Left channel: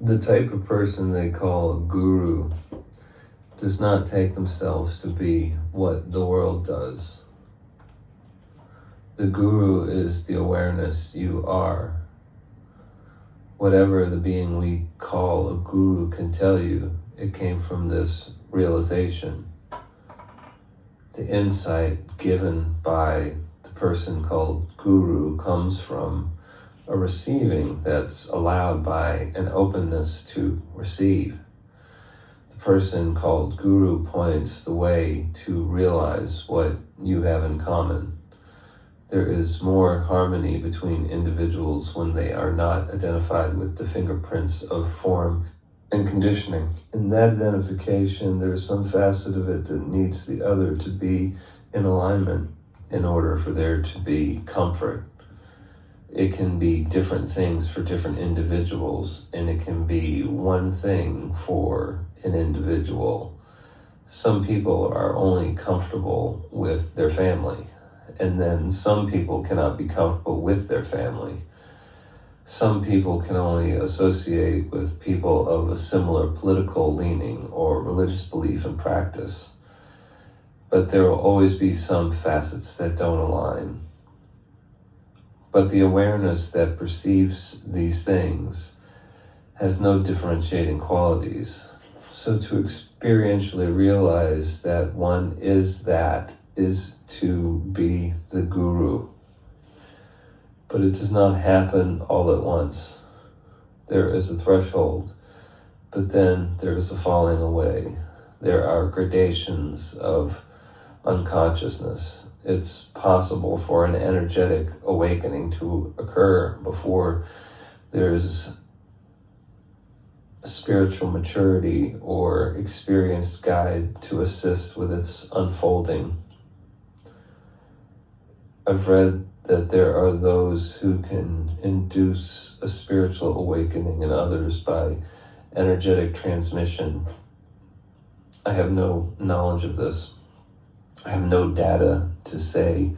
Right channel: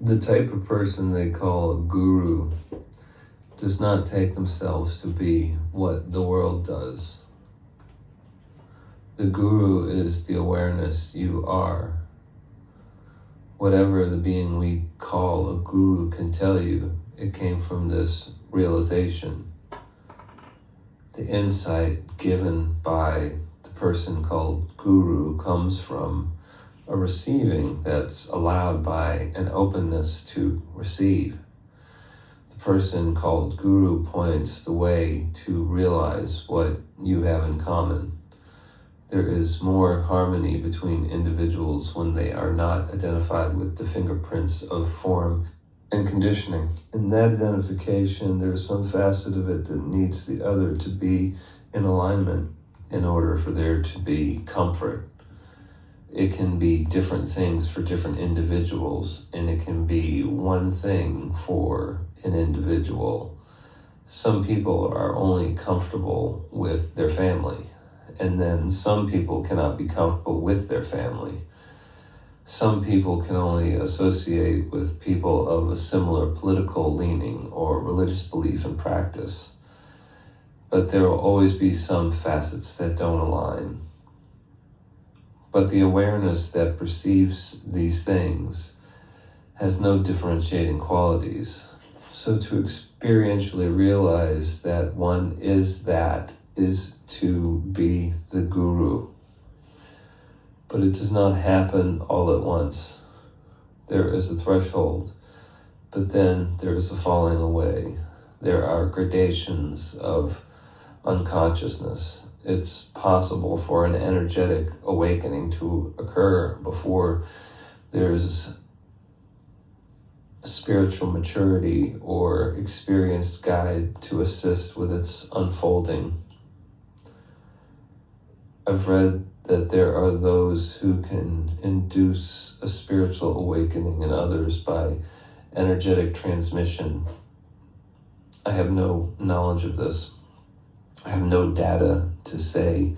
The type of person they call a guru does not take themselves to be what the world does. The guru is the awareness you are. Whatever the being we call a guru can tell you, it came from this realization. The insight given by the person called guru comes from a receiving that's allowed by an openness to receive. The person called guru points the way to realize what you have in common. There is more harmony between individuals when they are not identified with the fingerprints of form and conditioning. In that identification, there is some facet of it that needs the other to be in alignment in order for there to be comfort. It can be different things for different individuals, and it can be one thing for an individual. Some people are only comfortable with their family, and then some people cannot be comfortable with their family. Some people can only associate with people of a similar political leaning or religious belief and practice. But there will always be some facets that don't align. But the awareness that perceives these things has no differentiating qualities. So to experientially realize that one is to be the guru. But it does not happen all at once. There is a threshold, but then there is a falling away. There are gradations of unconsciousness. It's possible for an energetic awakening to occur before there's spiritual maturity or experienced guide to assist with its unfolding. I've read that there are those who can induce a spiritual awakening in others by energetic transmission. I have no knowledge of this. I have no data to say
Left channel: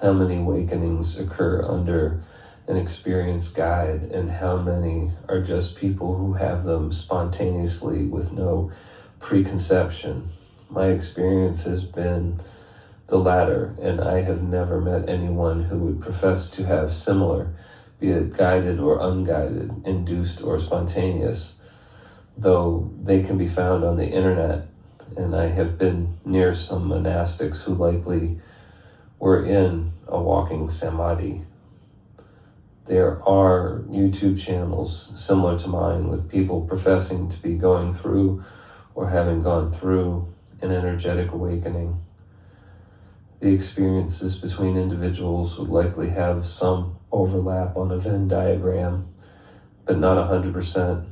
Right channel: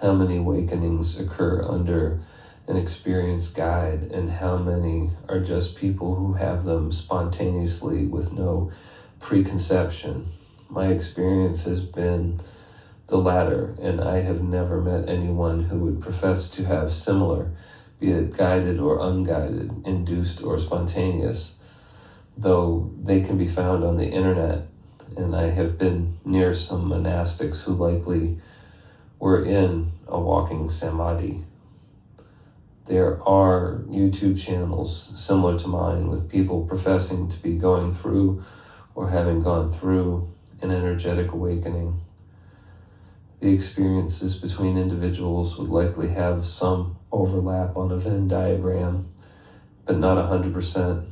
how many awakenings occur under an experienced guide and how many are just people who have them spontaneously with no preconception. My experience has been the latter, and I have never met anyone who would profess to have similar, be it guided or unguided, induced or spontaneous, though they can be found on the internet. And I have been near some monastics who likely were in a walking samadhi. There are YouTube channels similar to mine with people professing to be going through or having gone through an energetic awakening. The experiences between individuals would likely have some overlap on a Venn diagram, but not 100%.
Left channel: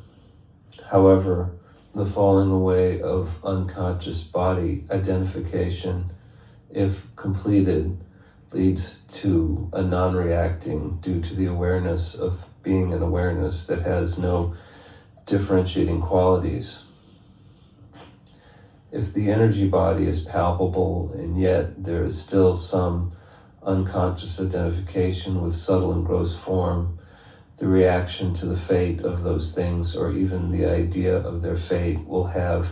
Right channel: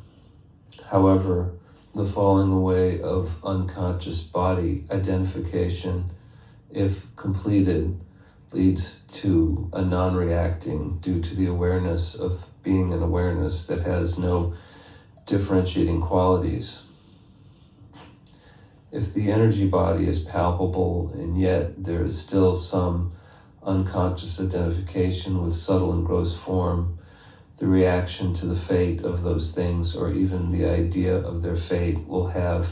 However, the falling away of unconscious body identification, if completed, leads to a non-reacting due to the awareness of being an awareness that has no differentiating qualities. If the energy body is palpable and yet there is still some unconscious identification with subtle and gross form, the reaction to the fate of those things, or even the idea of their fate, will have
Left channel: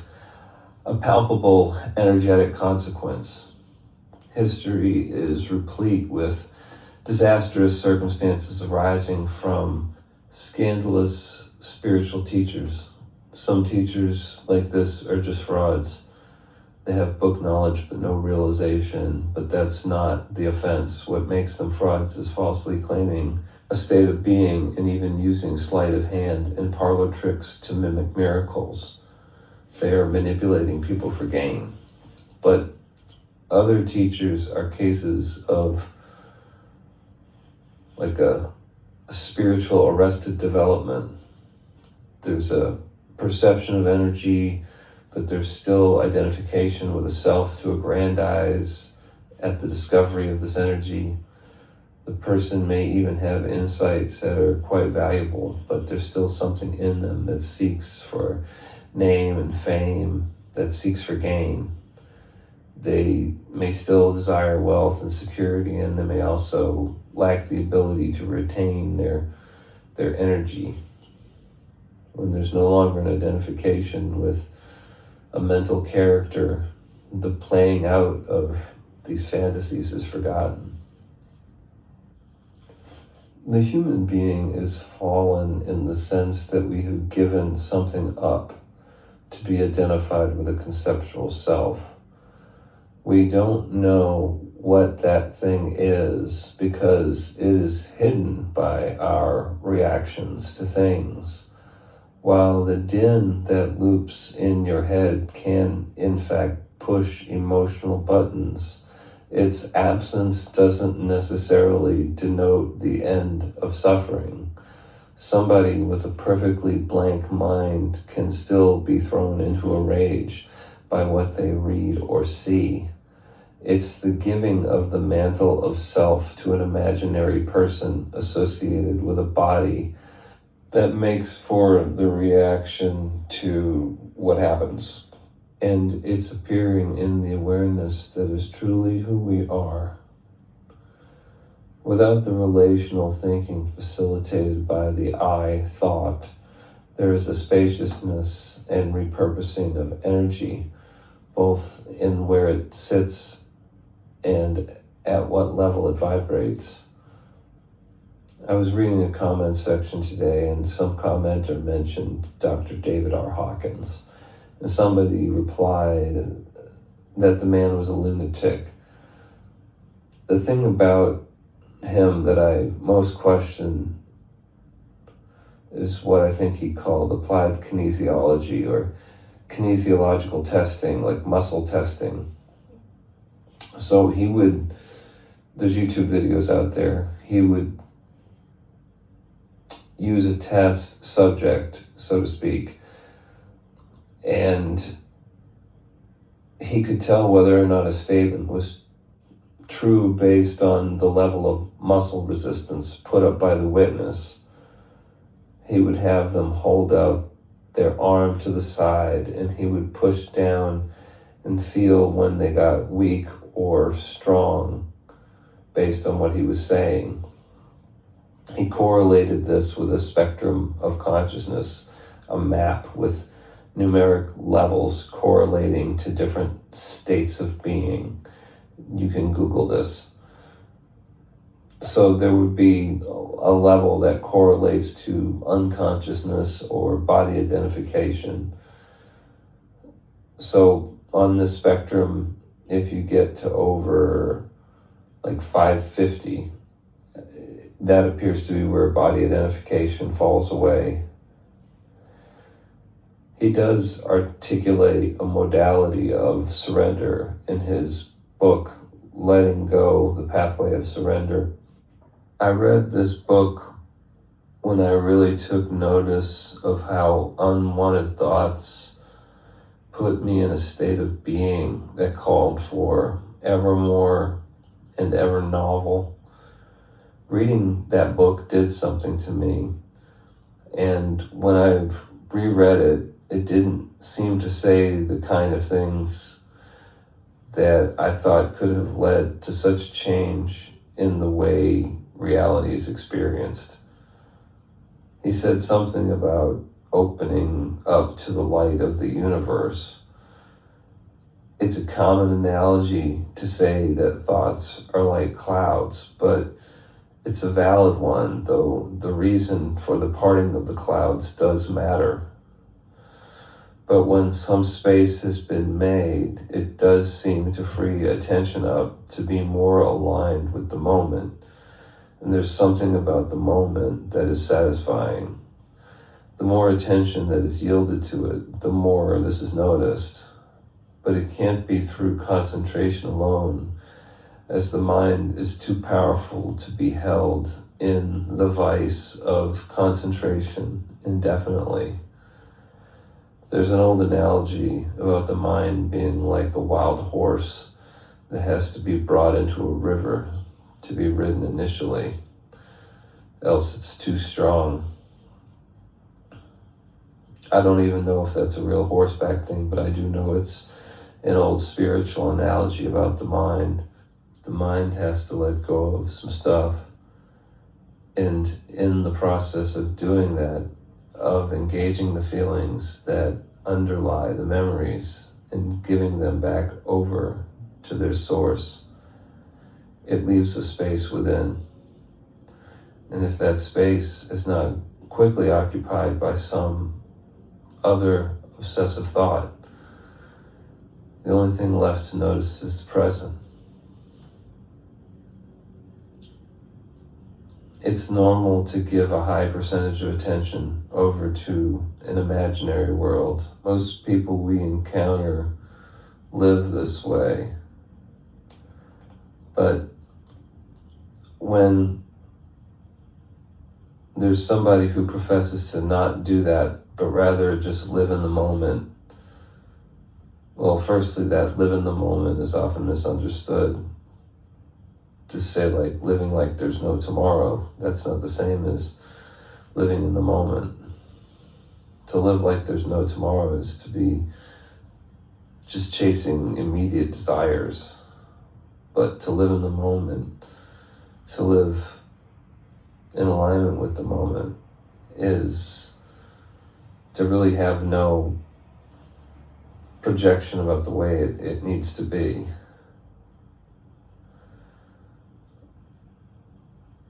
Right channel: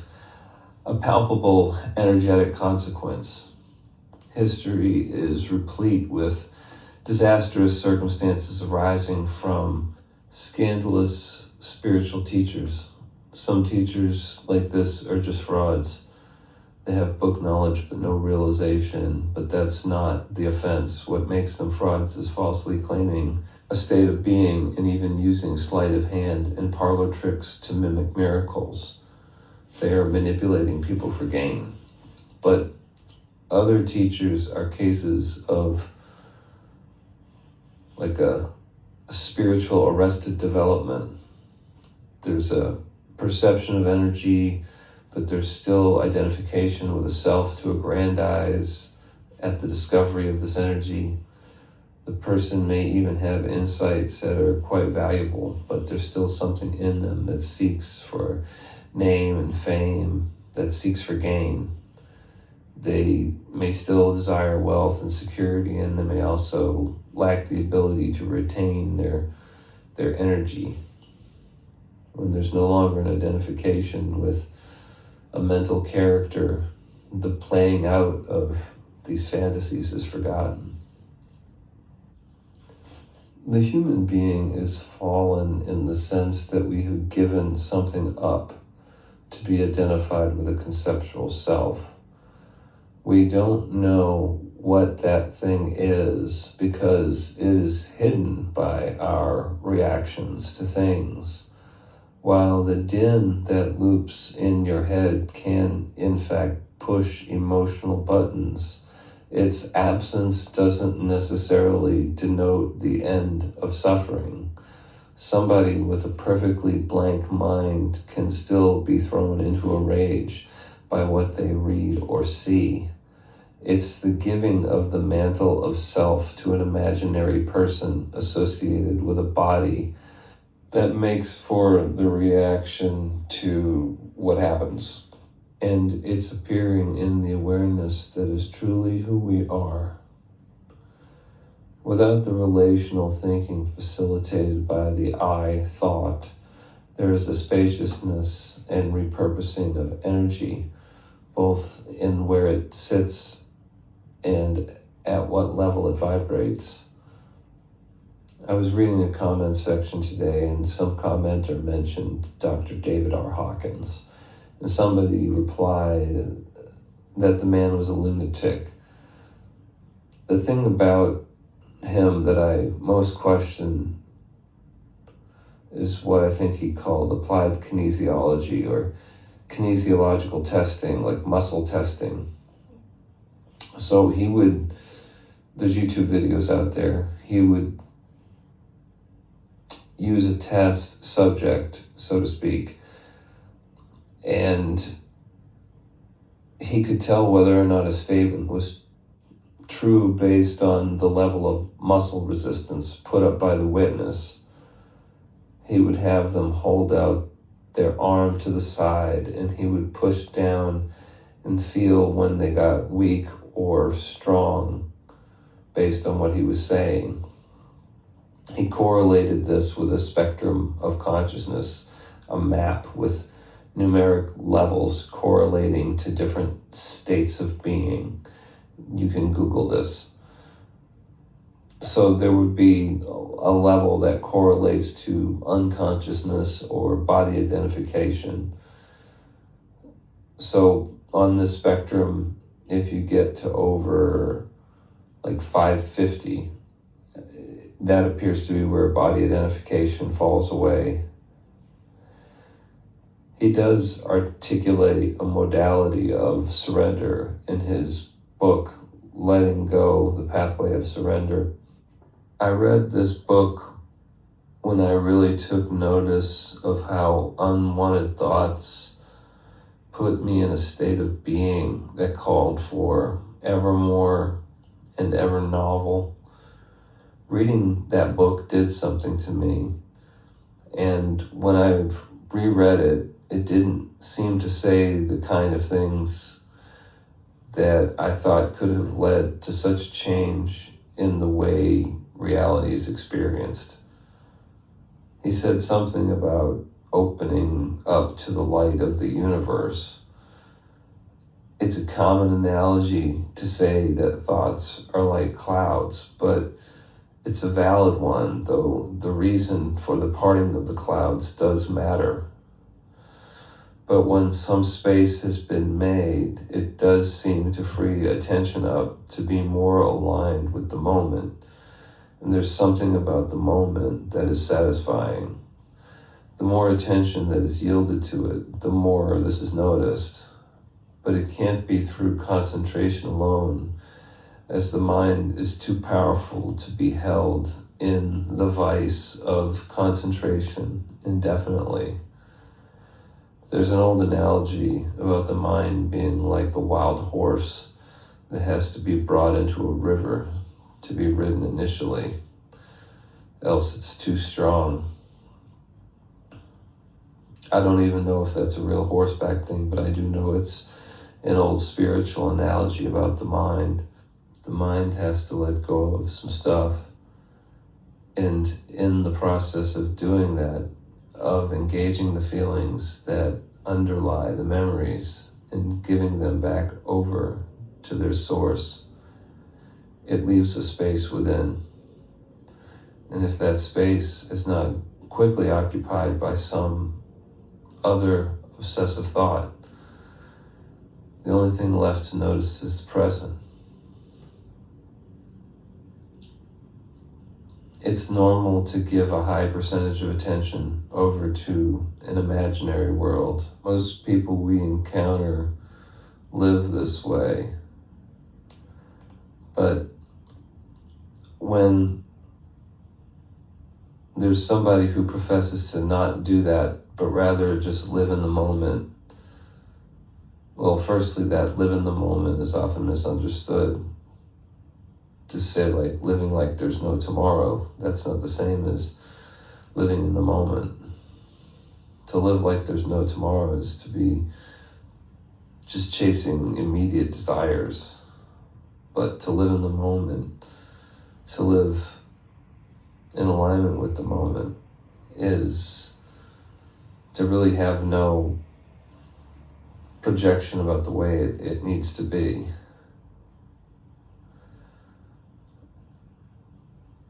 a palpable energetic consequence. History is replete with disastrous circumstances arising from scandalous spiritual teachers. Some teachers like this are just frauds. They have book knowledge but no realization, but that's not the offense. What makes them frauds is falsely claiming a state of being and even using sleight of hand and parlor tricks to mimic miracles. They are manipulating people for gain. But other teachers are cases of like a spiritual arrested development. There's a perception of energy, but there's still identification with a self to aggrandize at the discovery of this energy. The person may even have insights that are quite valuable, but there's still something in them that seeks for name and fame, that seeks for gain. They may still desire wealth and security, and they may also lack the ability to retain their energy. when there's no longer an identification with a mental character, the playing out of these fantasies is forgotten. The human being is fallen in the sense that we have given something up to be identified with a conceptual self. We don't know what that thing is because it is hidden by our reactions to things. While the din that loops in your head can, in fact, push emotional buttons, its absence doesn't necessarily denote the end of suffering. Somebody with a perfectly blank mind can still be thrown into a rage by what they read or see. It's the giving of the mantle of self to an imaginary person associated with a body that makes for the reaction to what happens. And it's appearing in the awareness that is truly who we are. Without the relational thinking facilitated by the I thought, there is a spaciousness and repurposing of energy, both in where it sits and at what level it vibrates. I was reading a comment section today, and some commenter mentioned Dr. David R. Hawkins, and somebody replied that the man was a lunatic. The thing about him that I most question is what I think he called applied kinesiology or kinesiological testing, like muscle testing. So there's YouTube videos out there, he would use a test subject, so to speak, and he could tell whether or not a statement was true based on the level of muscle resistance put up by the witness. He would have them hold out their arm to the side, and he would push down and feel when they got weak or strong based on what he was saying. He correlated this with a spectrum of consciousness, a map with numeric levels correlating to different states of being. You can Google this. So there would be a level that correlates to unconsciousness or body identification. So on this spectrum, if you get to over like 550, that appears to be where body identification falls away. He does articulate a modality of surrender in his book, Letting Go, The Pathway of Surrender. I read this book when I really took notice of how unwanted thoughts put me in a state of being that called for ever more and ever novel. Reading that book did something to me, and when I reread it, it didn't seem to say the kind of things that I thought could have led to such change in the way reality is experienced. He said something about opening up to the light of the universe. It's a common analogy to say that thoughts are like clouds, but it's a valid one, though the reason for the parting of the clouds does matter. But when some space has been made, it does seem to free attention up to be more aligned with the moment. And there's something about the moment that is satisfying. The more attention that is yielded to it, the more this is noticed. But it can't be through concentration alone, as the mind is too powerful to be held in the vice of concentration indefinitely. There's an old analogy about the mind being like a wild horse that has to be brought into a river to be ridden initially, else it's too strong. I don't even know if that's a real horseback thing, but I do know it's an old spiritual analogy about the mind. The mind has to let go of some stuff, and in the process of doing that, of engaging the feelings that underlie the memories and giving them back over to their source, it leaves a space within. And if that space is not quickly occupied by some other obsessive thought, the only thing left to notice is the present. It's normal to give a high percentage of attention over to an imaginary world. Most people we encounter live this way. But when there's somebody who professes to not do that, but rather just live in the moment, well, firstly, that live in the moment is often misunderstood. To say like living like there's no tomorrow, that's not the same as living in the moment. To live like there's no tomorrow is to be just chasing immediate desires. But to live in the moment, to live in alignment with the moment, is to really have no projection about the way it needs to be.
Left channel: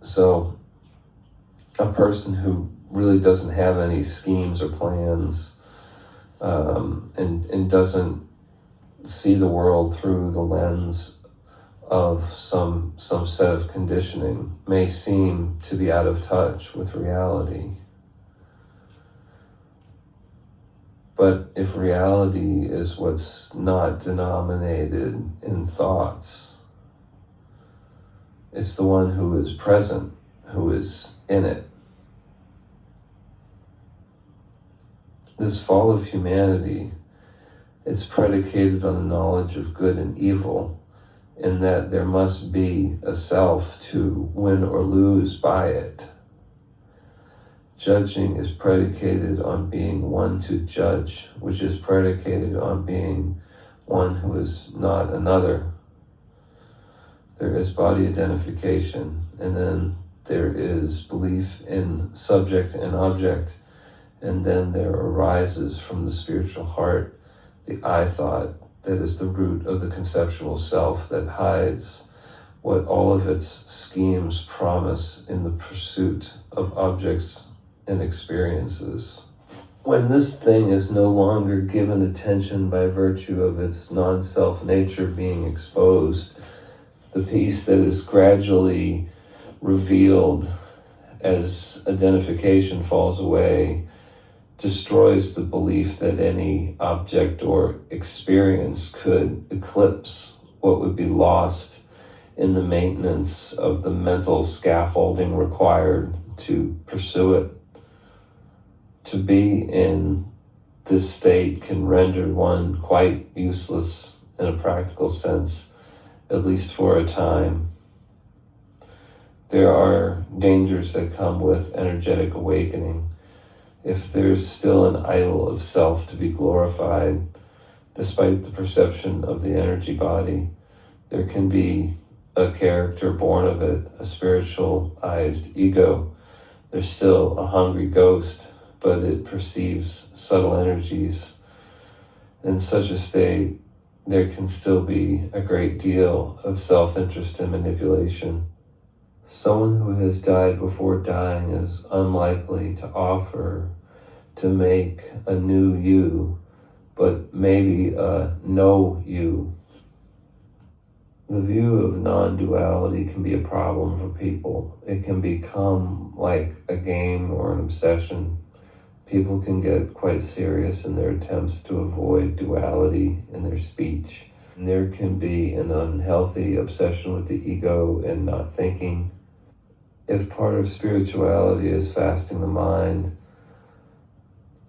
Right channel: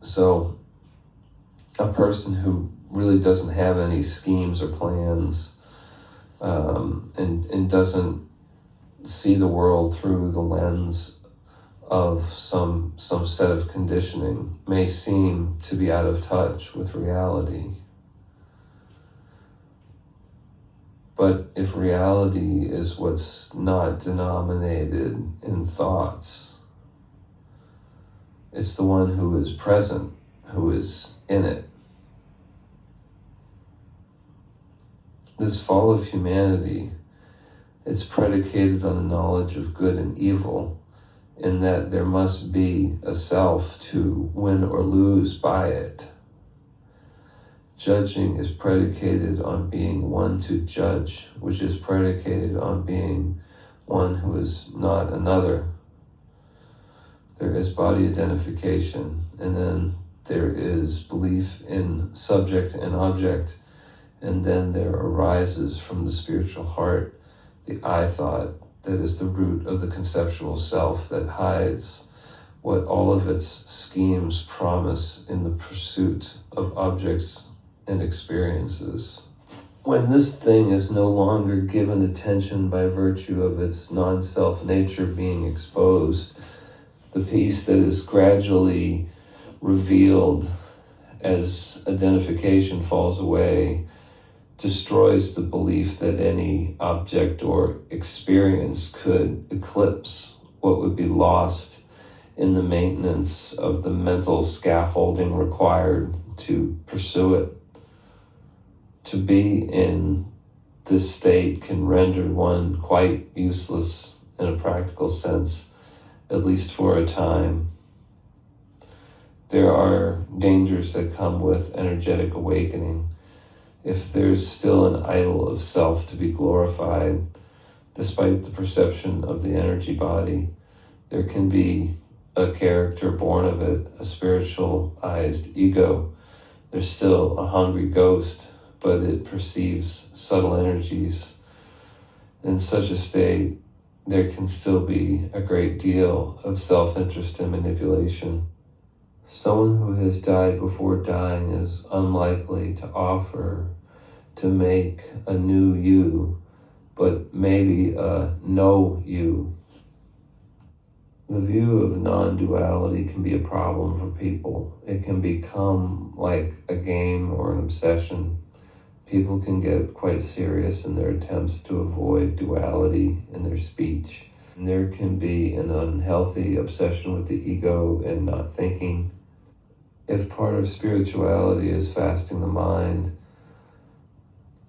So a person who really doesn't have any schemes or plans and doesn't see the world through the lens of some set of conditioning may seem to be out of touch with reality. But if reality is what's not denominated in thoughts, it's the one who is present, who is in it. This fall of humanity, it's predicated on the knowledge of good and evil, in that there must be a self to win or lose by it. Judging is predicated on being one to judge, which is predicated on being one who is not another. There is body identification, and then there is belief in subject and object, and then there arises from the spiritual heart the I thought that is the root of the conceptual self that hides what all of its schemes promise in the pursuit of objects and experiences. When this thing is no longer given attention by virtue of its non-self nature being exposed, the piece that is gradually revealed as identification falls away destroys the belief that any object or experience could eclipse what would be lost in the maintenance of the mental scaffolding required to pursue it. To be in this state can render one quite useless in a practical sense, at least for a time. There are dangers that come with energetic awakening. If there's still an idol of self to be glorified, despite the perception of the energy body, there can be a character born of it, a spiritualized ego. There's still a hungry ghost, but it perceives subtle energies. In such a state, there can still be a great deal of self-interest and manipulation. Someone who has died before dying is unlikely to offer to make a new you, but maybe a no you. The view of non-duality can be a problem for people. It can become like a game or an obsession. People can get quite serious in their attempts to avoid duality in their speech. And there can be an unhealthy obsession with the ego and not thinking. If part of spirituality is fasting the mind,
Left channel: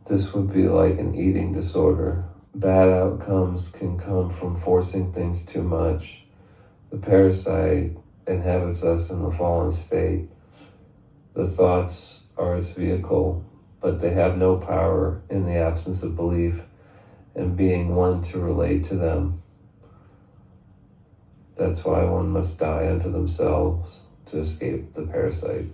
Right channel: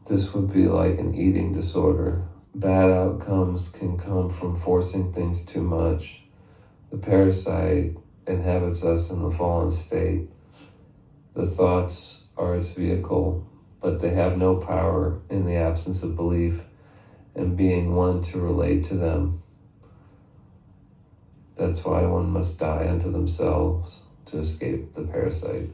this would be like an eating disorder. Bad outcomes can come from forcing things too much. The parasite inhabits us in the fallen state. The thoughts are its vehicle, but they have no power in the absence of belief and being one to relate to them. That's why one must die unto themselves to escape the parasite.